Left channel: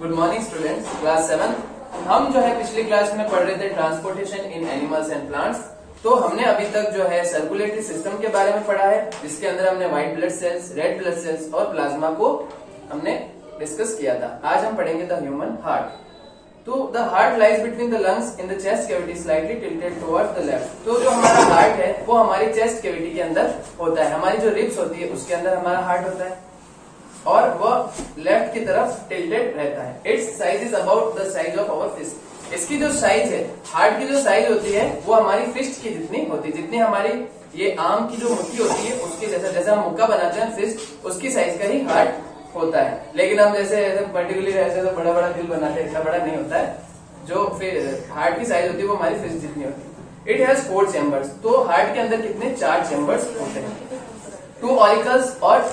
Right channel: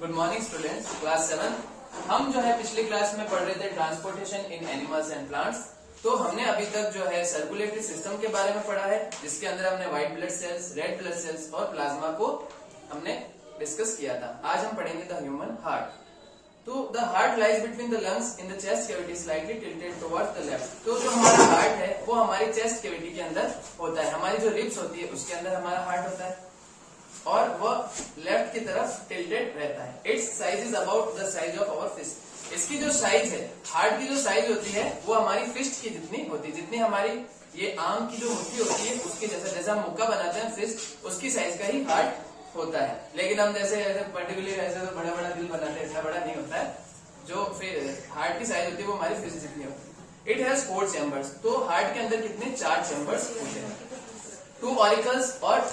Good morning students, class 7। हम जो है पिछली क्लास में पढ़ रहे थे transportation in animals and plants. तो हमने अभी तक जो है सर्कुलेटरी सिस्टम के बारे में पढ़ा है, जिसके अंदर हमने white blood cells, red blood sales और प्लाज्मा को हमने डिस्कस किया था। आज हम पढ़ेंगे द ह्यूमन हार्ट। तो the heart lies between the lungs in the chest cavity slightly tilted towards the left. तो जो हमारा हार्ट है वो हमारी चेस्ट कैविटी के अंदर होता है। हमारी जो रिब्स होती है उसके अंदर हमारा हार्ट होता है और वह लेफ्ट की तरफ टिल्टेड रहता है। Its size is about the size of our fist. इसकी जो साइज है, हार्ट की जो साइज होती है वो हमारी फिस्ट की जितनी होती है। जितनी हमारी ये आम की जो मुट्ठी होती है उसके जैसा हम मुक्का बनाते हैं फिस्ट, उसकी साइज का ही हार्ट होता है। लेकिन हम जैसे पर्टिकुलरली ऐसे तो बड़ा बड़ा दिल बनाते हैं, इतना बड़ा नहीं होता है। जो फिर हार्ट की साइज होती है वो हमारी फिस्ट जितनी होती है। It has 4 chambers. तो हार्ट के अंदर कितने 4 चैम्बर्स होते हैं। 2 ऑरिकल्स और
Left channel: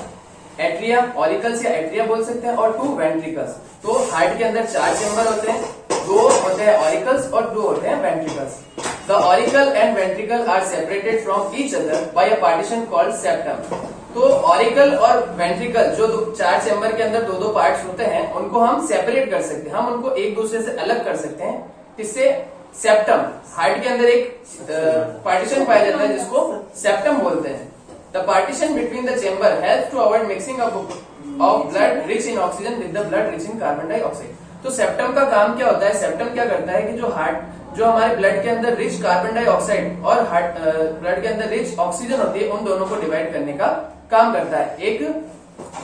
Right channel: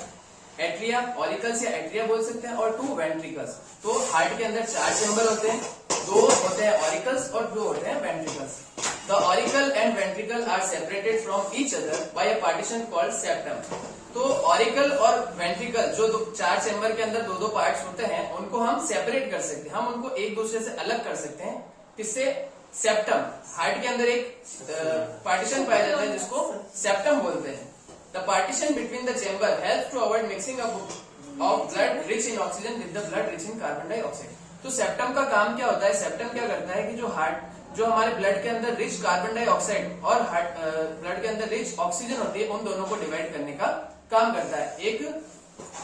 एट्रिया, ऑरिकल्स या एट्रिया बोल सकते हैं, और 2 वेंट्रिकल्स। तो हार्ट के अंदर 4 चैम्बर होते हैं, 2 होते हैं ऑरिकल्स और 2 होते हैं ventricles. The auricle and ventricle are separated from each other by a partition called septum. तो ऑरिकल और वेंट्रिकल जो 4 चैम्बर के अंदर 2-2 पार्ट्स होते हैं, उनको हम सेपरेट कर सकते हैं, हम उनको एक दूसरे से अलग कर सकते हैं। इससे सेप्टम, हार्ट के अंदर एक पार्टीशन पाया जाता है जिसको सेप्टम बोलते हैं। The partition between the chamber helps to avoid mixing up of blood rich in oxygen with the blood rich in carbon dioxide। तो सेप्टम का काम क्या होता है? सेप्टम क्या करता है कि जो हमारे ब्लड के अंदर रिच कार्बन डाइऑक्साइड और ब्लड के अंदर रिच ऑक्सीजन होती है, उन दोनों को डिवाइड करने का काम करता है। एक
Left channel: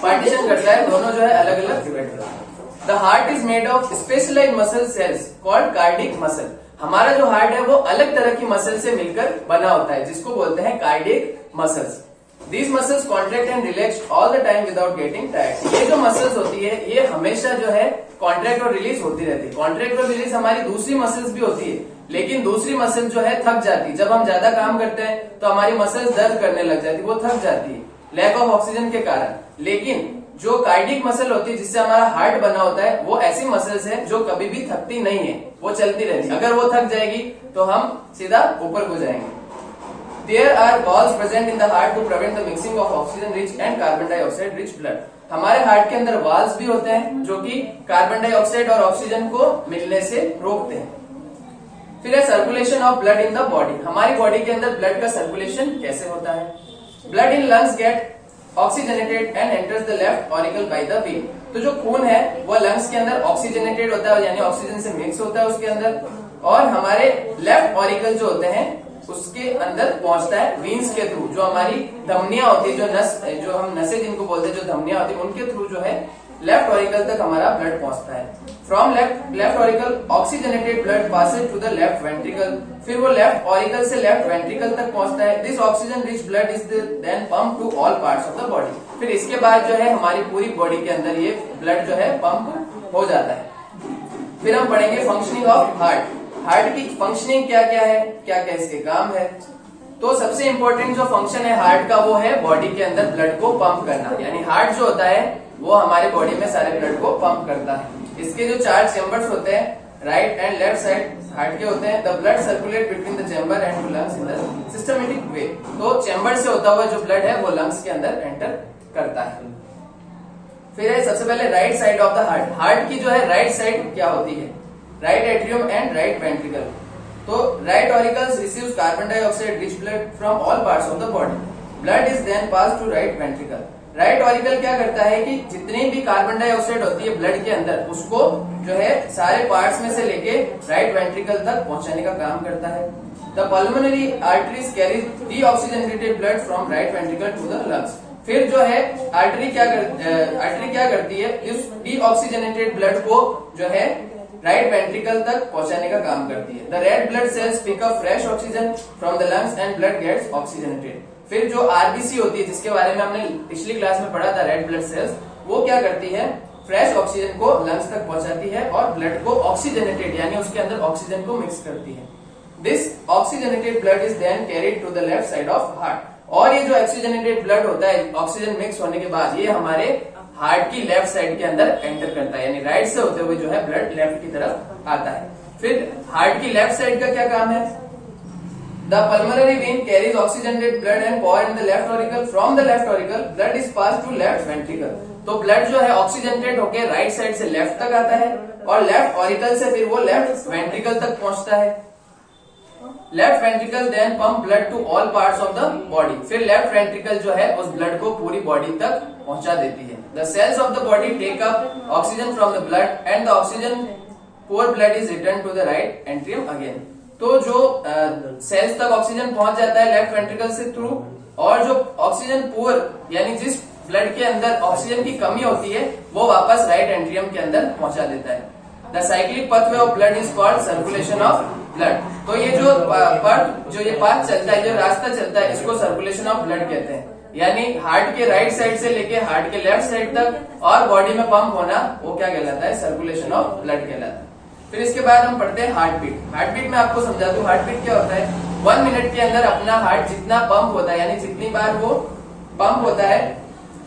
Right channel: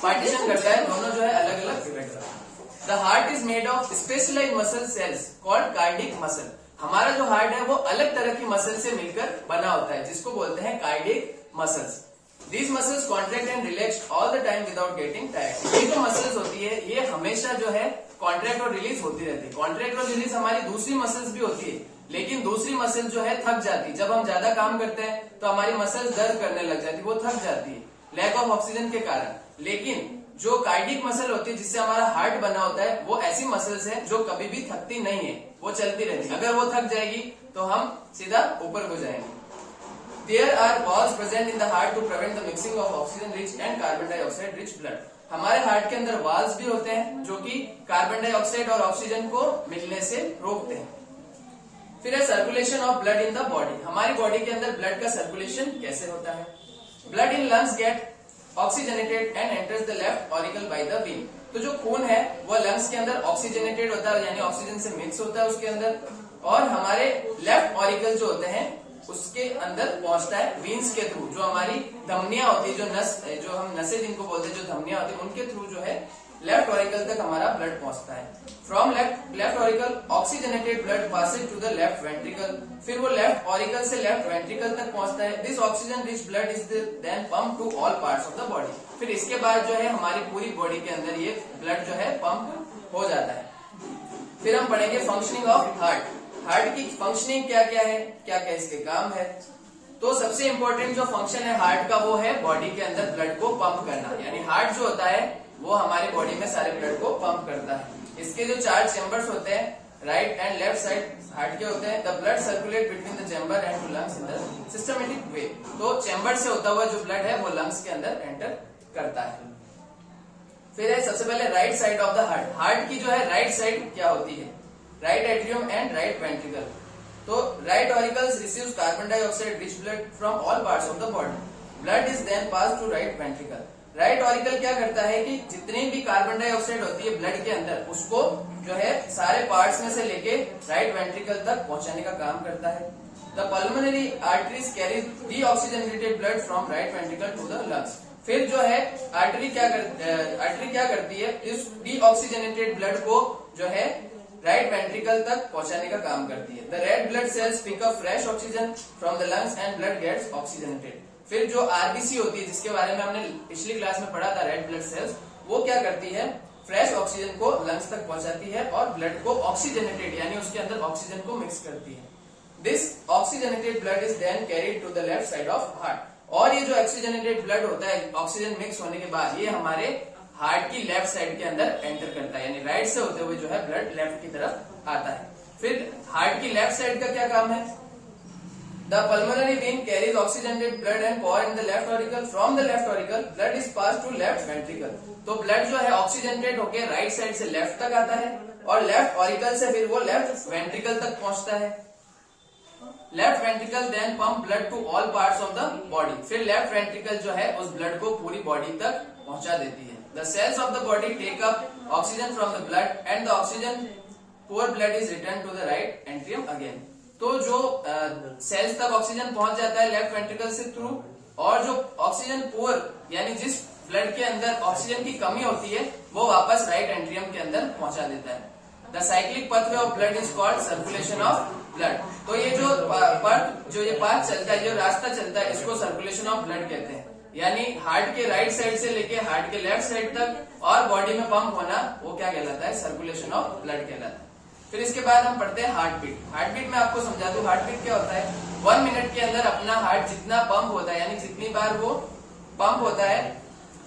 पार्टीशन करता है, दोनों जो है अलग अलग डिवाइड करता है। The heart is made of specialised muscle cells called cardiac muscle. हमारा जो हार्ट है वो अलग तरह की मसल से मिलकर बना होता है, जिसको बोलते हैं cardiac muscles. These muscles contract and relax all the time without getting tired। ये जो मसल्स होती है ये हमेशा जो है कॉन्ट्रैक्ट और रिलीज होती रहती है। कॉन्ट्रैक्ट और रिलीज हमारी दूसरी मसल्स भी होती है, लेकिन दूसरी मसल जो है थक जाती है। जब हम ज्यादा काम करते हैं तो हमारी मसल्स दर्द करने लग जाती है, वो थक जाती है लैक ऑफ ऑक्सीजन के कारण। लेकिन जो कार्डिक मसल होती है जिससे हमारा हार्ट बना होता है, वो ऐसी मसल्स है जो कभी भी थकती नहीं है, वो चलती रहती है। अगर वो थक जाएगी तो हम सीधा ऊपर को जाएंगे। There are valves present in the heart to prevent the mixing of oxygen rich and carbon dioxide rich blood। हमारे हार्ट के अंदर वाल्व्स भी होते हैं जो कि कार्बन डाइऑक्साइड और ऑक्सीजन को मिलने से रोकते हैं। फिर है circulation of blood in the body. हमारी बॉडी के अंदर ब्लड का सर्कुलेशन कैसे होता है? Blood in lungs get oxygenated and enters the left auricle by the vein. तो जो खून है वो लंग्स के अंदर ऑक्सीजनेटेड होता है, यानी ऑक्सीजन से मिक्स होता है उसके अंदर, और हमारे लेफ्ट ऑरिकल जो होते हैं उसके अंदर पहुंचता है वीन्स के थ्रू। जो हमारी धमनियां होती है, जो हम नसें जिनको बोलते हैं, जो धमनियां होती है उनके थ्रू जो है लेफ्ट ऑरिकल तक हमारा ब्लड पहुंचता है। From left auricle oxygenated blood passes to the left ventricle. फिर वो लेफ्ट ऑरिकल से लेफ्ट वेंट्रिकल तक पहुंचता है। This oxygen rich blood is then pump to all parts of the body. फिर इसके बाद जो है हमारी पूरी बॉडी के अंदर ये ब्लड जो है पंप हो जाता है। फिर हम पढ़ेंगे फंक्शनिंग ऑफ हार्ट। हार्ट की फंक्शनिंग क्या क्या है, क्या क्या इसके काम है। तो सबसे इंपॉर्टेंट जो फंक्शन है हार्ट का वो है बॉडी के अंदर ब्लड को पंप करना। यानी हार्ट जो होता है वो हमारे बॉडी में सारे ब्लड को पंप करता है। इसके जो 4 चैम्बर्स होते हैं, right and left side heart के होते हैं। The blood circulate between the chamber and to lungs in the systematic way. तो चैम्बर से होता हुआ जो ब्लड है वो लंग्स के अंदर एंटर करता है। फिर है सबसे पहले right side of the heart. Heart की जो है राइट साइड क्या होती है? Right atrium and right ventricle. तो right auricles receives carbon dioxide rich blood from all parts of the body. Blood is then pass to right ventricle. Right auricle क्या करता है कि जितनी भी कार्बन डाइऑक्साइड होती है ब्लड के अंदर, उसको जो है सारे पार्ट्स में से लेके राइट वेंट्रिकल तक पहुंचाने का काम करता है। The pulmonary arteries carry deoxygenated blood from right ventricle to the lungs. फिर जो है आर्टरी क्या करती है? इस डीऑक्सीजनेटेड ब्लड को जो है राइट वेंट्रिकल तक पहुंचाने का काम करती है। The red blood cells pick up fresh oxygen from the lungs and blood gets oxygenated. फिर जो आरबीसी होती है, जिसके बारे में हमने पिछली क्लास में पढ़ा था, रेड ब्लड सेल्स, वो क्या करती है? फ्रेश ऑक्सीजन को लंग्स तक पहुंचाती है और ब्लड को ऑक्सीजनेटेड यानी उसके अंदर ऑक्सीजन को मिक्स करती है। This oxygenated blood is then carried to the left side of heart. और ये जो ऑक्सीजनेटेड ब्लड होता है, ऑक्सीजन मिक्स होने के बाद ये हमारे हार्ट की लेफ्ट साइड के अंदर एंटर करता है, यानी राइट से होते हुए जो है ब्लड लेफ्ट की तरफ आता है। फिर हार्ट की लेफ्ट साइड का क्या काम है? The pulmonary vein carries oxygenated blood and power in the left auricle. From the left auricle blood is pass to left ventricle. तो ब्लड जो है ऑक्सीजनेटेड होकर राइट साइड से लेफ्ट तक आता है और लेफ्ट ऑरिकल से फिर वो लेफ्ट वेंट्रिकल तक पहुंचता है। Left ventricle then pump blood to all parts of the body. फिर लेफ्ट वेंट्रिकल जो है उस ब्लड को पूरी बॉडी तक पहुंचा देती है। The cells of the body take up oxygen from the blood and the oxygen poor blood is return to the right atrium again. तो जो सेल्स तक ऑक्सीजन पहुंच जाता है लेफ्ट वेंट्रिकल से थ्रू, और जो ऑक्सीजन पुअर यानी जिस ब्लड के अंदर ऑक्सीजन की कमी होती है वो वापस राइट एंट्रियम के अंदर पहुंचा देता है। The cyclic pathway of blood is called circulation of blood. तो ये जो पाथ चलता है, जो रास्ता चलता है, इसको सर्कुलेशन ऑफ ब्लड कहते हैं। यानी हार्ट के राइट साइड से लेके हार्ट के लेफ्ट साइड तक और बॉडी में पंप होना, वो क्या कहलाता है? सर्कुलेशन ऑफ ब्लड कहलाता है। फिर इसके बाद हम पढ़ते हैं हार्ट बीट। हार्ट बीट में आपको समझा दूं, हार्ट बीट क्या होता है? 1 मिनट के अंदर अपना हार्ट जितना पंप होता है, यानी जितनी बार वो पंप होता है,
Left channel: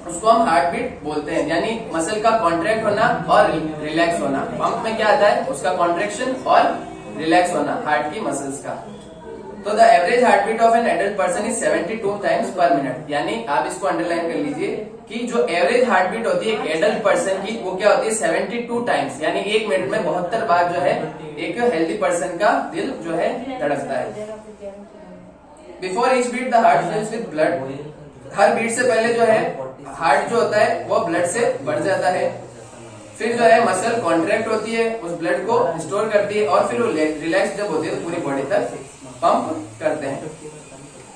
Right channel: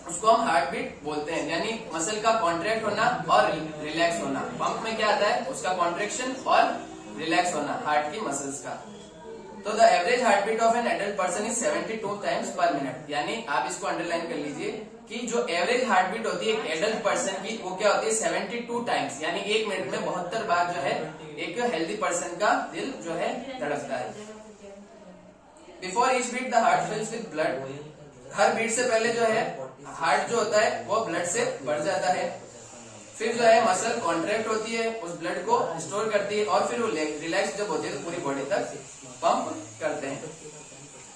उसको हम हार्ट बीट बोलते हैं। यानी मसल का कॉन्ट्रैक्ट होना और रिलैक्स होना। पंप में क्या आता है? उसका कॉन्ट्रैक्शन और रिलैक्स होना हार्ट की मसल्स का। तो the average heart beat of an adult person is 72 times per minute. यानी आप इसको अंडरलाइन कर लीजिए कि जो एवरेज हार्ट बीट होती है एक एडल्ट पर्सन की, वो क्या होती है? 72 टाइम्स, यानी 1 मिनट में 72 बार जो है एक हेल्दी पर्सन का दिल जो है धड़कता है। Before each beat the heart fills with blood. हर बीट से पहले जो है हार्ट जो होता है वो ब्लड से भर जाता है। फिर जो है मसल कॉन्ट्रैक्ट होती है, उस ब्लड को स्टोर करती है और फिर वो रिलैक्स जब होती है तो पूरी बॉडी तक पंप करते हैं।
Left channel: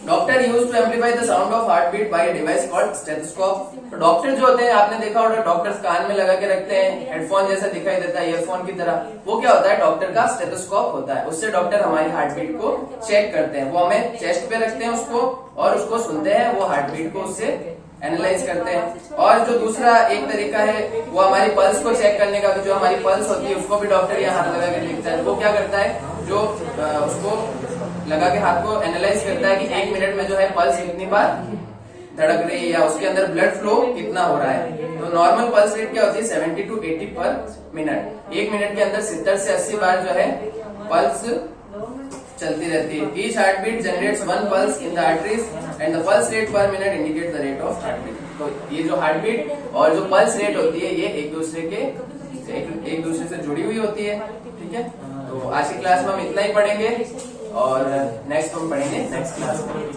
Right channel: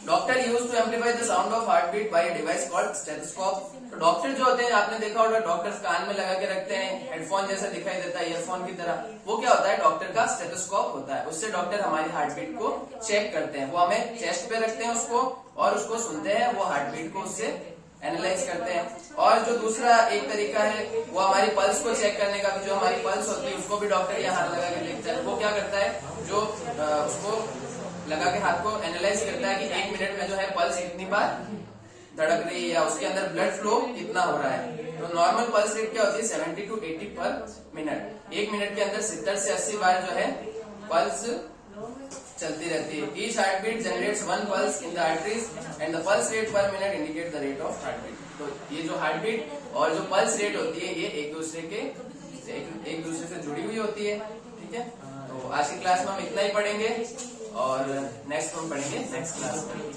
Doctor use to amplify the sound of heart beat by device called stethoscope. तो डॉक्टर जो होते हैं, आपने देखा होगा डॉक्टर्स कान में लगा के रखते हैं, हेडफोन जैसा दिखाई देता है, ईयरफोन की तरह। वो क्या होता है? डॉक्टर का स्टेथोस्कोप होता है। उससे डॉक्टर हमारी हार्ट बीट को चेक करते हैं। वो हमें चेस्ट पे रखते हैं उसको और उसको सुनते हैं, वो हार्ट बीट को उससे एनालाइज करते हैं। और जो दूसरा एक तरीका है वो हमारी पल्स को चेक करने का, जो हमारी पल्स होती है उसको भी डॉक्टर यहाँ हाथ लगा के देखता है। वो क्या करता है? जो उसको लगा के हाथ को एनालाइज करता है कि 1 मिनट में जो है पल्स कितनी बार धड़क रही है या उसके अंदर ब्लड फ्लो कितना हो रहा है। तो नॉर्मल पल्स रेट क्या होती है? 70 to 80 पर मिनट। 1 मिनट के अंदर 70 से 80 बार जो है पल्स चलती रहती है। Each heart beat generates 1 pulse in the arteries and the pulse rate per minute indicate the rate of heart beat. तो ये जो हार्ट बीट और जो पल्स रेट होती है ये एक दूसरे से जुड़ी हुई होती है। ठीक है, तो आज की क्लास में हम इतना ही पढ़ेंगे और नेक्स्ट हम पढ़ेंगे नेक्स्ट क्लास में।